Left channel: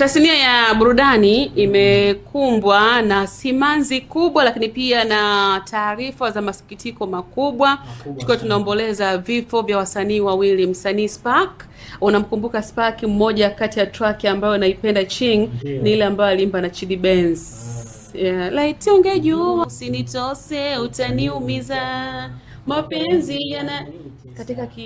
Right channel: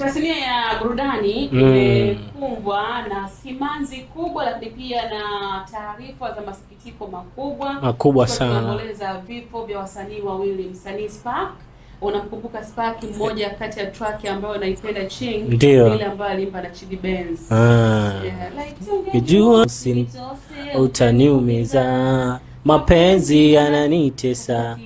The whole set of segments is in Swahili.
Tasnia ya burudani imekumbwa na simanzi kubwa, lakini pia na taarifa za masikitiko makubwa sana. Tunaomboleza vifo vya wasanii wawili. Msanii Spark, unamkumbuka Spark, mmoja kati ya track ambayo naipenda Ching ni ile ambayo alimba na Chidi Benz. Laiti ungejua usinitose utaniumiza, mapenzi yananitesa.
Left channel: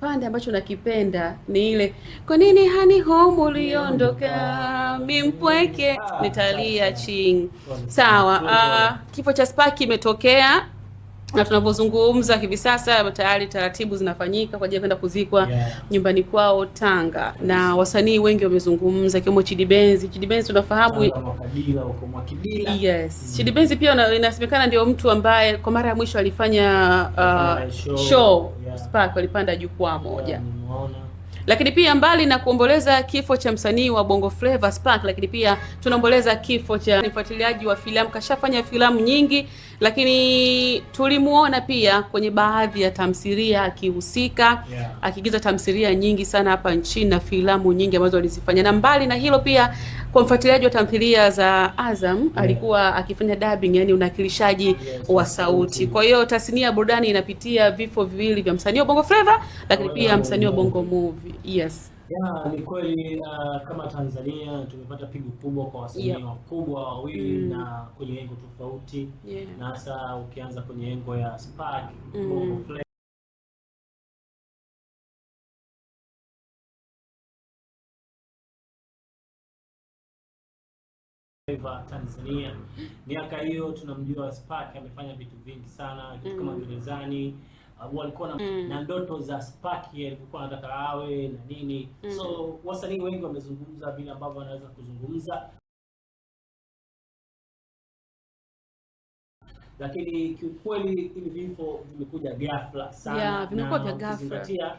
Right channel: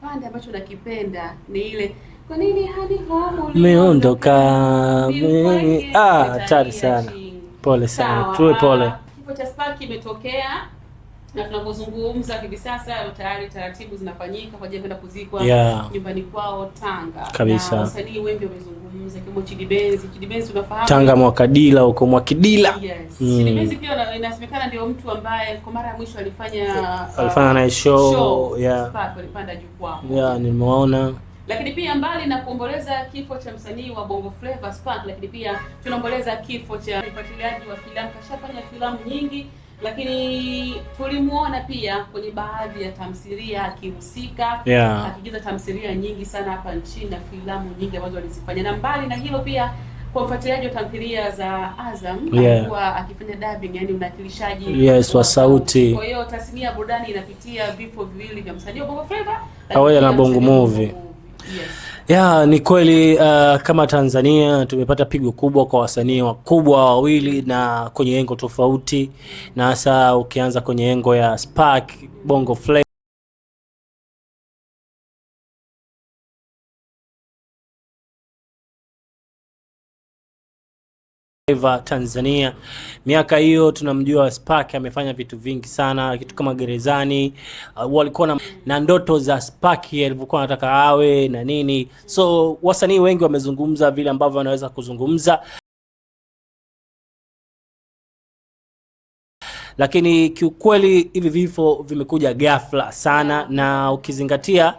Pande ambacho nakipenda ni ile kwa nini hani home uliondoka bimkweke nitalia Ching. Pole sana. Sawa. Kifo cha Spark kimetokea na tunavyozungumza hivi sasa tayari taratibu zinafanyika kwa ajili ya kwenda kuzikwa nyumbani kwao Tanga. Na wasanii wengi wamezungumza kiwemo Chidi Benz. Chidi Benz tunafahamu Tanga Mwakadila huko Mwakidila. Chidi Benz pia inasemekana ndio mtu ambaye kwa mara ya mwisho alifanya na show. Spark walipanda jukwaa moja. Nimeona. Lakini pia mbali na kuomboleza kifo cha msanii wa Bongo Flava Spark, lakini pia tunaomboleza kifo cha mfuatiliaji wa filamu, kashafanya filamu nyingi, lakini tulimuona pia kwenye baadhi ya tamthilia akihusika, akiigiza tamthilia nyingi sana hapa nchini na filamu nyingi ambazo alizifanya. Na mbali na hilo pia kwa mfuatiliaji wa tamthilia za Azam alikuwa akifanya dubbing, yani unakilishaji wa sauti. Kwa hiyo tasnia ya burudani inapitia vifo viwili vya msanii wa Bongo Flava lakini pia msanii wa Bongo Movie. Ni kweli kama Tanzania tumepata pigo kubwa kwa wasanii wakubwa wawili na kwenye engo tofauti, na hasa ukianza kwenye engo ya Spark Bongo Flava Tanzania. Miaka hiyo tunamjua Spark amefanya vitu vingi sana, kitu kama Gerezani. Walikuwa na ndoto za Spark alivyokuwa anataka awe na nini. So wasanii wengi wamezungumza vile ambavyo wanaweza kuzungumza, lakini kiukweli hivi vifo vimekuja ghafla sana. Na ukizingatia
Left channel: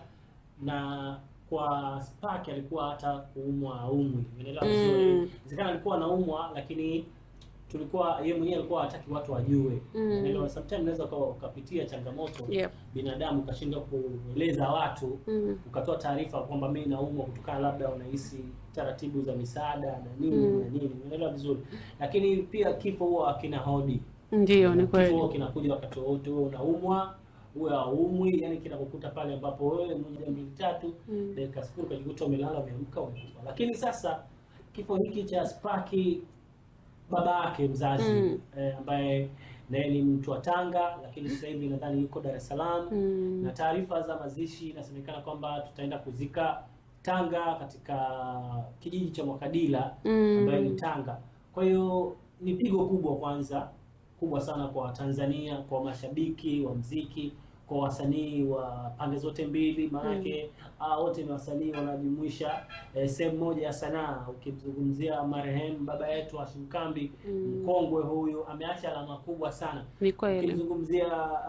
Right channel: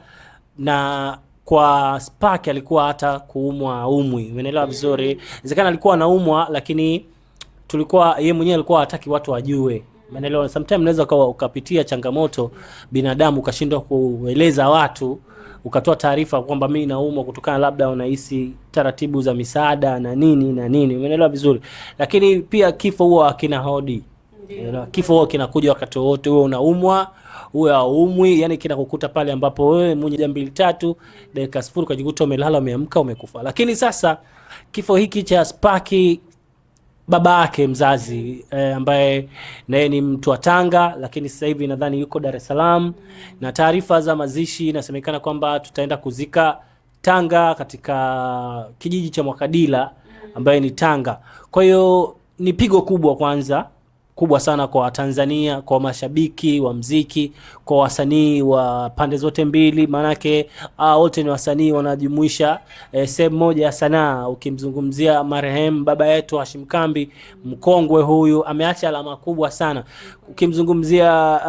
na kwa Spark alikuwa hata kuumwa umwi, umeelewa vizuri. Inawezekana alikuwa anaumwa, lakini yeye mwenyewe alikuwa hataki watu wajue, umeelewa. Sometimes unaweza ukapitia changamoto binadamu ukashindwa kueleza watu, ukatoa taarifa kwamba mimi naumwa kutokana labda unahisi taratibu za misaada na nini, umeelewa vizuri. Lakini pia kifo huwa hakina hodi. Kifo huwa kinakuja wakati wote, wewe unaumwa uwe haumwi, yani kinakukuta pale ambapo wewe mwenye 2-3 dakika 0 ukajikuta umelala, umeamka, umekufa. Lakini sasa kifo hiki cha Spark, baba yake mzazi ambaye naye ni mtu wa Tanga, lakini sasa hivi nadhani yuko Dar es Salaam, na taarifa za mazishi inasemekana kwamba tutaenda kuzika Tanga katika kijiji cha Mwakadila ambaye ni Tanga. Kwa hiyo ni pigo kubwa sana kwa Tanzania, kwa mashabiki wa mziki, kwa wasanii wa pande zote mbili, manake wote ni wasanii wanajumuisha sehemu moja ya sanaa. Ukimzungumzia marehemu baba yetu Hashim Kambi, mkongwe huyu, ameacha alama kubwa sana. Ukimzungumzia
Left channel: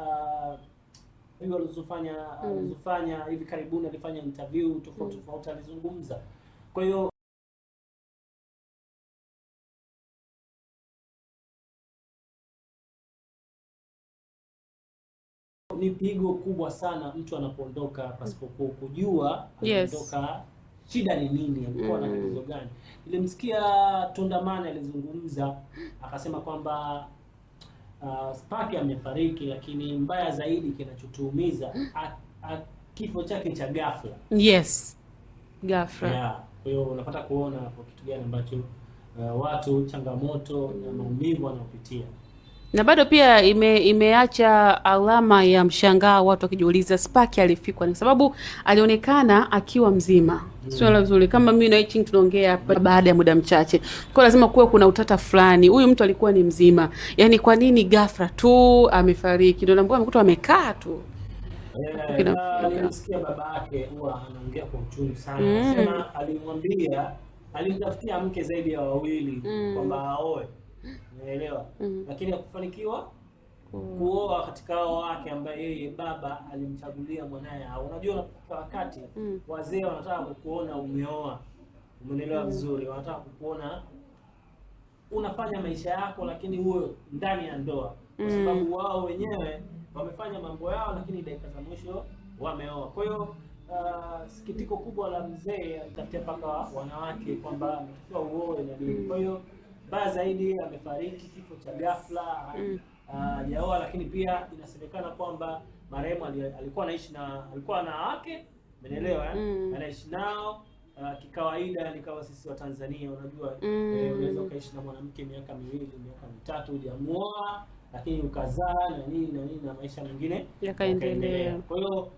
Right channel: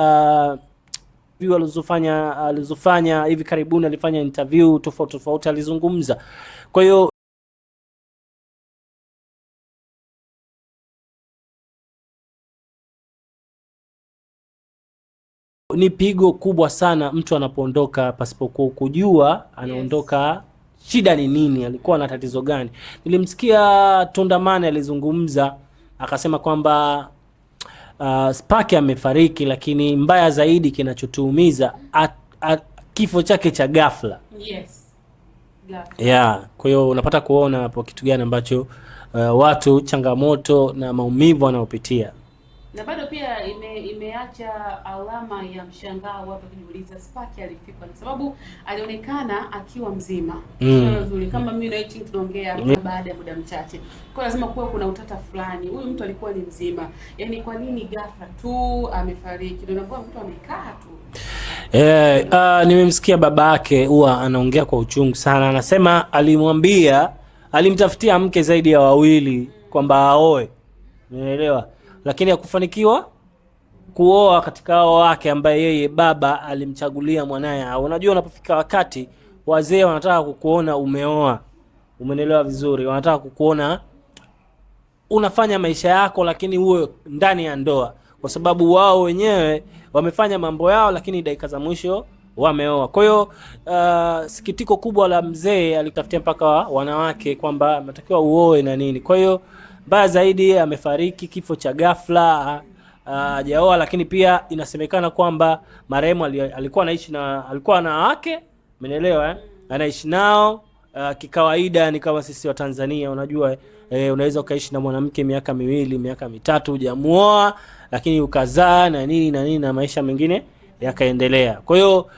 alizofanya hivi karibuni, alifanya interview tofauti alizungumza. Kwa hiyo ni pigo kubwa sana mtu anapoondoka pasipo kujua anaondoka. Shida ni nini? Alikuwa na tatizo gani? Nilimsikia Tundamani alizungumza, akasema kwamba Spark amefariki, lakini mbaya zaidi kinachotuumiza kifo chake cha ghafla. Ghafla. Kwa hiyo unapata kuona hapo kitu gani ambacho watu, changamoto na maumivu wanaopitia. Na bado pia imeacha alama ya mshangao, watu wakijiuliza Spark alifikwa, kwa sababu alionekana akiwa mzima. Swala zuri kama mimi na Ching tunaongea baada ya muda mchache, kwa lazima kuwe kuna utata fulani. Huyu mtu alikuwa ni mzima, yani kwa nini ghafla tu amefariki? Ndio naambia mtu amekaa tu. Nimemsikia baba yake huwa anaongea kwa uchungu sana. Anasema alimtafutia mke zaidi ya wawili kwamba aoe, unaelewa, lakini hakufanikiwa kuoa katika hao wake ambaye yeye baba alimchagulia mwanae. Unajua unapofika wakati wazee wanataka kukuona umeoa, umeelewa vizuri, wanataka kukuona unafanya maisha yako, lakini uwe ndani ya ndoa, kwa sababu wao wenyewe wamefanya mambo yao, lakini dakika za mwisho wameoa. Kwa hiyo sikitiko kubwa la mzee, alitafutia mpaka wanawake kwamba anatakiwa uoe na nini. Kwa hiyo mbaya zaidi amefariki kifo cha ghafla, hajaoa. Lakini pia inasemekana kwamba marehemu alikuwa na wake, umeelewa anaishi nao kikawaida, ni kama sisi wa Tanzania, unajua unaweza ukaishi na mwanamke miaka 2, miaka 3 hujamuoa, lakini ukazaa na nini na maisha mengine yakaendelea. Kwa hiyo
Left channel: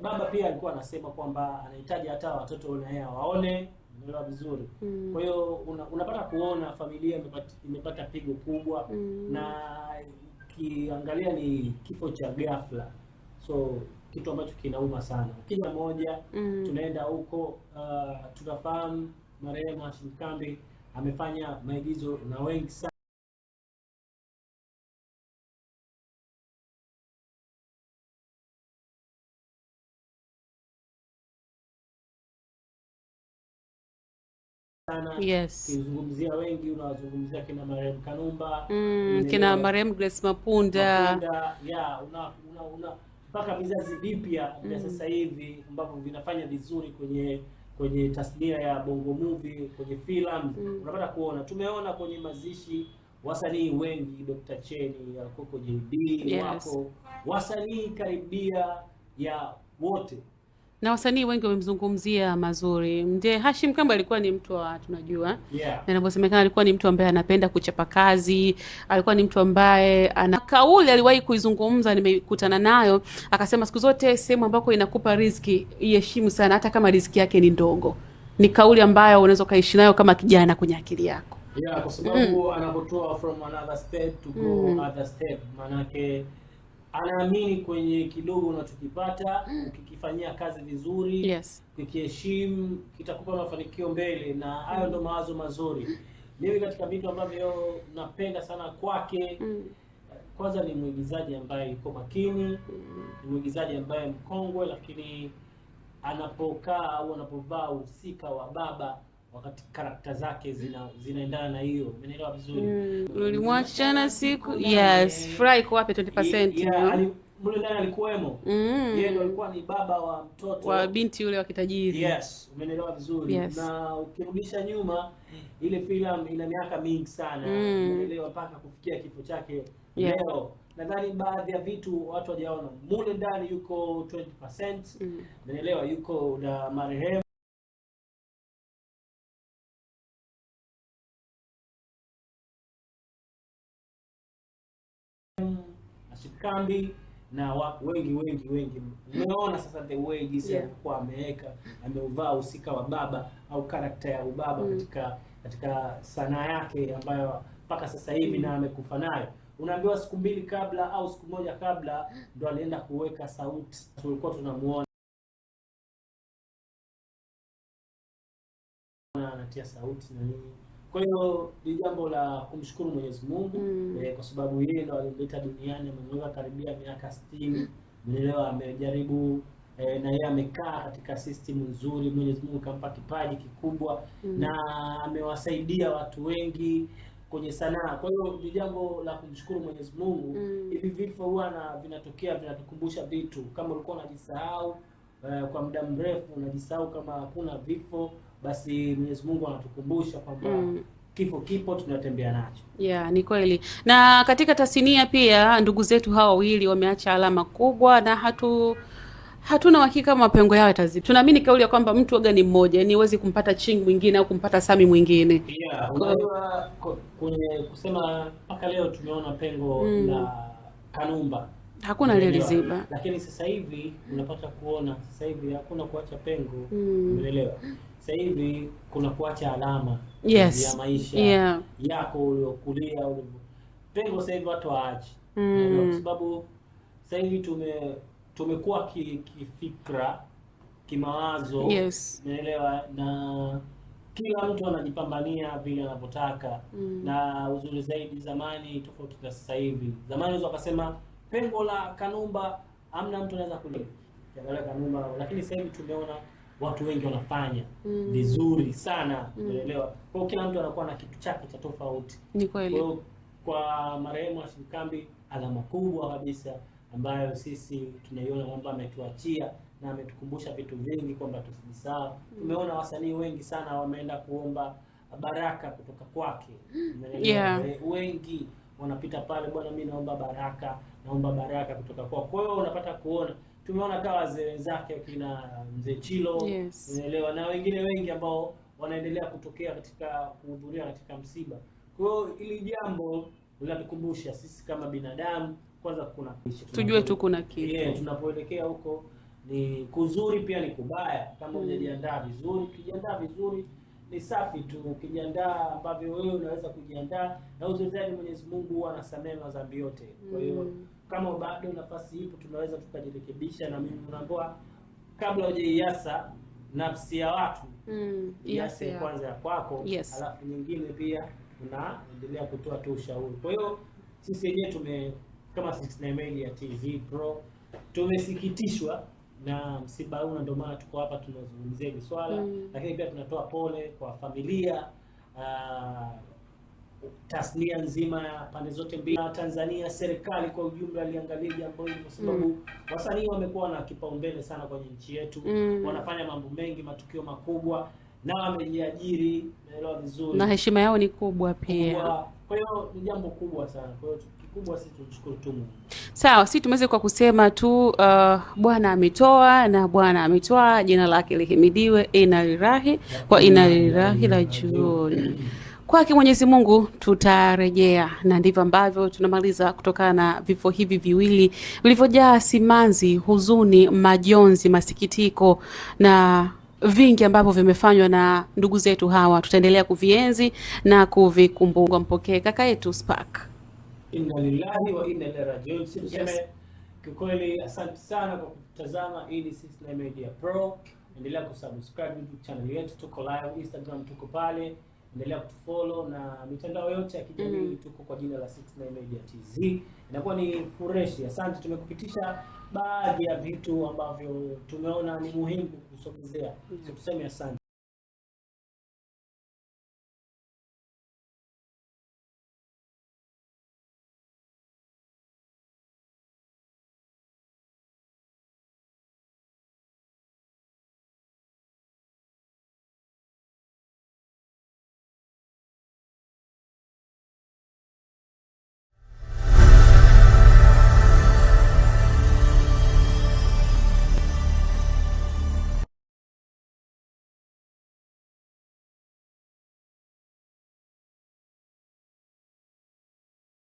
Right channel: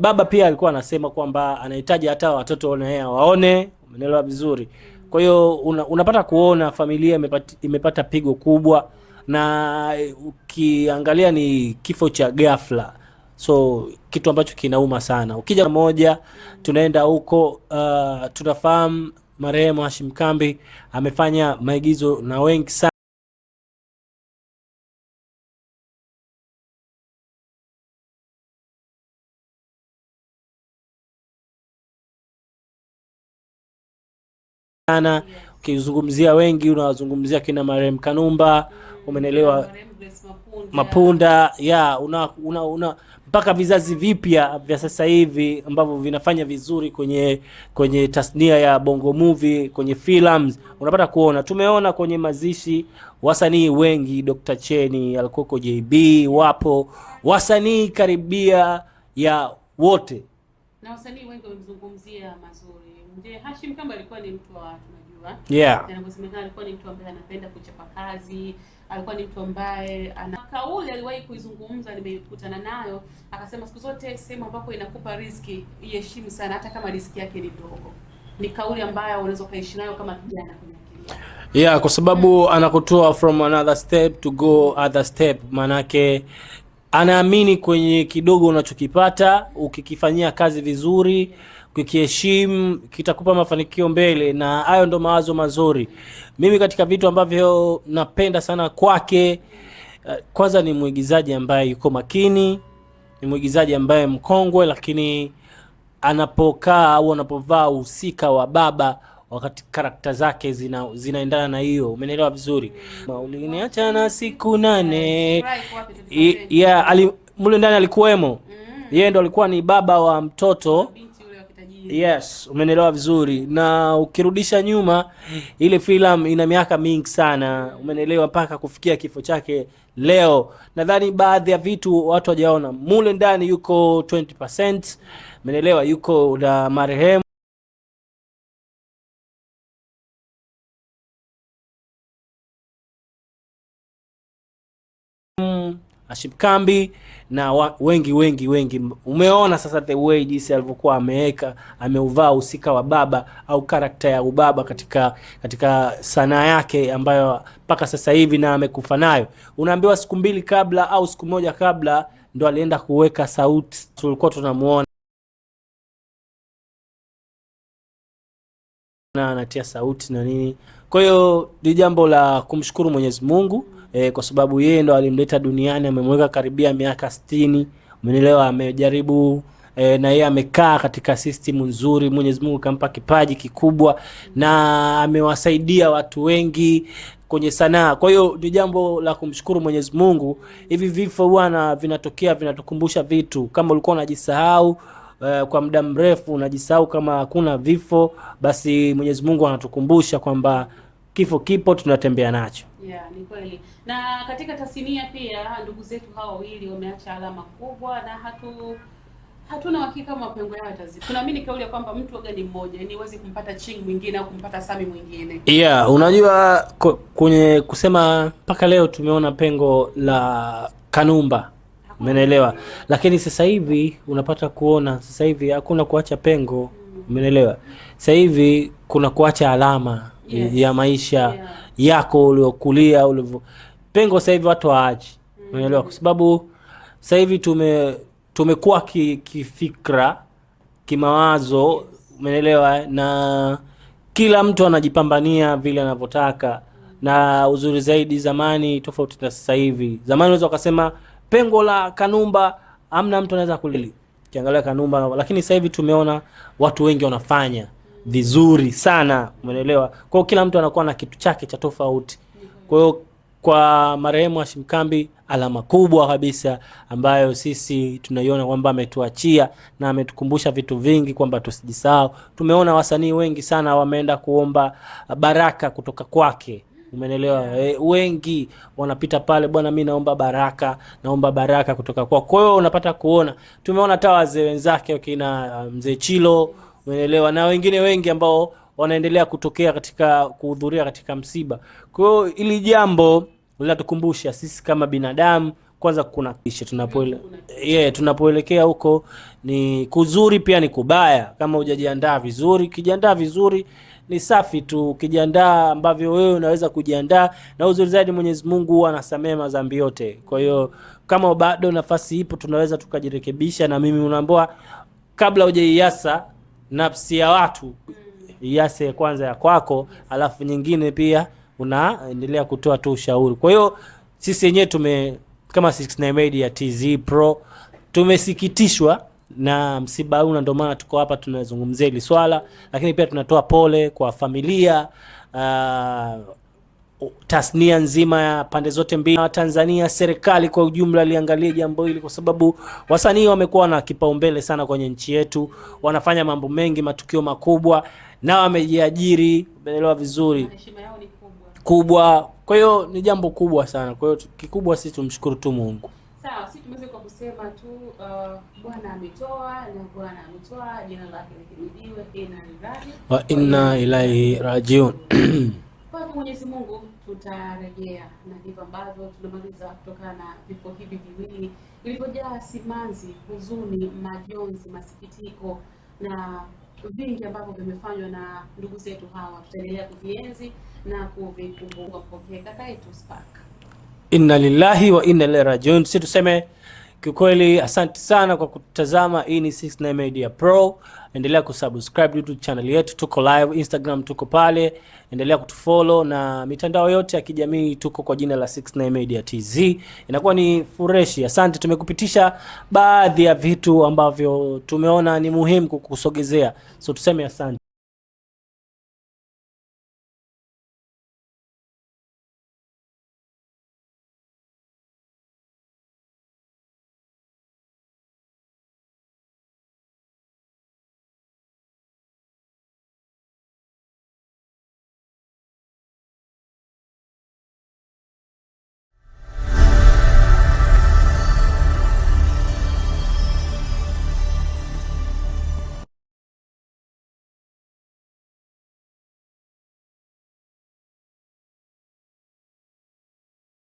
baba pia alikuwa anasema kwamba anahitaji hata watoto na yeye waone, umeelewa vizuri. Kwa hiyo unapata kuona familia imepata pigo kubwa, na ukiangalia ni kifo cha ghafla, so kitu ambacho kinauma sana. Ukija moja tunaenda huko, tunafahamu marehemu Hashim Kambi amefanya maigizo na wengi sana Ukizungumzia wengi unawazungumzia kina marehemu Kanumba, umeelewa, kina marehemu Grace Mapunda, mpaka vizazi vipya vya sasa hivi ambavyo vinafanya vizuri kwenye tasnia ya Bongo Movie, kwenye films. Unapata kuona, tumeona kwenye mazishi wasanii wengi, Dr. Cheni, Alkoko JB, wapo wasanii karibia ya wote, na wasanii wengi wamemzungumzia mazuri. Mzee Hashim Kambi alikuwa ni mtu wa tunajua, na inaposemekana alikuwa ni mtu ambaye anapenda kuchapa kazi, alikuwa ni mtu ambaye ana kauli aliwahi kuizungumza, nimekutana nayo, akasema siku zote sehemu ambako inakupa riziki iheshimu sana, hata kama riziki yake ni ndogo. Ni kauli ambayo unaweza kaishi nayo kama kijana kwenye akili yako. Kwa sababu anakutoa from another step to go other step, manake anaamini kwenye kidogo unachokipata, ukikifanyia kazi vizuri, ukikiheshimu, kitakupa mafanikio mbele, na hayo ndo mawazo mazuri. Mimi katika vitu ambavyo napenda sana kwake, kwanza ni mwigizaji ambaye yuko makini, ni mwigizaji ambaye mkongwe, lakini anapokaa au anapovaa uhusika wa baba, wakati karakta zake zinaendana na hiyo, umeelewa vizuri. Ulimwacha na siku 8, strike wapi 20%. Mule ndani alikuwemo, yeye ndo alikuwa ni baba wa mtoto wa binti yule wa kitajiri. Umeelewa vizuri. Na ukirudisha nyuma, ile filamu ina miaka mingi sana, umeelewa, mpaka kufikia kifo chake leo. Nadhani baadhi ya vitu watu hawajaona. Mule ndani yuko 20%, umeelewa, yuko na marehemu Hashim Kambi na wengi. Umeona sasa the way jinsi alivyokuwa ameuvaa usika wa baba au karakta ya ubaba katika sanaa yake ambayo mpaka sasa hivi na amekufa nayo. Unaambiwa siku 2 kabla au siku 1 kabla ndo alienda kuweka sauti, tulikuwa tunamuona na anatia sauti na nini. Kwa hiyo ni jambo la kumshukuru Mwenyezi Mungu, kwa sababu yeye ndo alimleta duniani, amemweka karibia miaka 60, umeelewa, amejaribu na yeye amekaa katika system nzuri. Mwenyezi Mungu kampa kipaji kikubwa, na amewasaidia watu wengi kwenye sanaa. Kwa hiyo ni jambo la kumshukuru Mwenyezi Mungu. Hivi vifo bwana vinatokea, vinatukumbusha vitu. Kama ulikuwa unajisahau kwa muda mrefu, unajisahau kama hakuna vifo, basi Mwenyezi Mungu anatukumbusha kwamba kifo kipo, tunatembea nacho. Ni kweli. Na katika tasnia pia ndugu zetu hawa wawili wameacha alama kubwa, na hatuna uhakika mapengo yao yatazidi. Tunaamini kauli ya kwamba mtu waga ni mmoja, yani huwezi kumpata Ching mwingine au kumpata Sami mwingine. Unajua kwenye kusema mpaka leo tumeona pengo la Kanumba. Umeelewa? Lakini sasa hivi unapata kuona sasa hivi hakuna kuacha pengo, umeelewa? Sasa hivi kuna kuacha alama ya maisha yako uliokulia pengo sasa hivi watu waachi, umeelewa? Kwa sababu sasa hivi tumekuwa kifikra, kimawazo, umeelewa, na kila mtu anajipambania vile anavyotaka. Na uzuri zaidi, zamani tofauti na sasa hivi. Zamani unaweza ukasema pengo la Kanumba amna mtu anaweza kulili kiangalia Kanumba, lakini sasa hivi tumeona watu wengi wanafanya vizuri sana, umeelewa? Kwa hiyo kila mtu anakuwa na kitu chake cha tofauti. Kwa hiyo kwa marehemu Hashim Kambi alama kubwa kabisa ambayo sisi tunaiona kwamba ametuachia na ametukumbusha vitu vingi kwamba tusijisahau. Tumeona wasanii wengi sana wameenda kuomba baraka kutoka kwake. Umeelewa? Yeah. Wengi wanapita pale, bwana mimi naomba baraka kutoka kwako. Kwa hiyo unapata kuona, tumeona hata wazee wenzake wakina mzee Chilo, Yes. umeelewa, na wengine wengi ambao wanaendelea kutokea katika kuhudhuria katika msiba. Kwa hiyo ili jambo linatukumbusha sisi kama binadamu kwanza kuna kisha tunapoelekea huko ni kuzuri pia ni kubaya. Kama hujajiandaa vizuri, ukijiandaa vizuri ni safi tu. Ukijiandaa ambavyo wewe unaweza kujiandaa, na uzuri zaidi Mwenyezi Mungu anasamehe madhambi yote. Kwa hiyo kama bado nafasi ipo, tunaweza tukajirekebisha, na mimi unaambiwa kabla hujaiasa nafsi ya watu iase kwanza ya kwako. Yes. Alafu nyingine pia unaendelea kutoa tu ushauri. Kwa hiyo sisi wenyewe kama 69 Media TZ Pro tumesikitishwa na msiba huu, na ndio maana tuko hapa tunazungumzia hili swala. Lakini pia tunatoa pole kwa familia, tasnia nzima ya pande zote mbili, na Tanzania, serikali kwa ujumla liangalie jambo hili, kwa sababu wasanii wamekuwa na kipaumbele sana kwenye nchi yetu. Wanafanya mambo mengi, matukio makubwa, na wamejiajiri, umeelewa vizuri, na heshima yao ni kubwa. Kwa hiyo ni jambo kubwa sana. Kwa hiyo kikubwa sisi tumshukuru tu Mungu. Sawa, sisi tumeweza kwa kusema tu Bwana ametoa na Bwana ametoa, jina lake lihimidiwe. Inna lillahi wa inna ilaihi rajiun. Kwake Mwenyezi Mungu tutarejea, na ndivyo ambavyo tunamaliza kutokana na vifo hivi viwili vilivyojaa simanzi, huzuni, majonzi, masikitiko na vingi ambavyo vimefanywa na ndugu zetu hawa. Tutaendelea kuvienzi na kuvikumbuka. Mpokee kaka yetu Spark. Inna lillahi wa inna ilaihi rajiun. Sisi tuseme kikweli asante sana kwa kutazama. Hii ni 69 Media Pro. Endelea kusubscribe YouTube channel yetu, tuko live Instagram, tuko pale. Endelea kutufollow na mitandao yote ya kijamii tuko kwa jina la 69 Media TZ. Inakuwa ni fresh. Asante, tumekupitisha baadhi ya vitu ambavyo tumeona ni muhimu kukusogezea. So tuseme asante.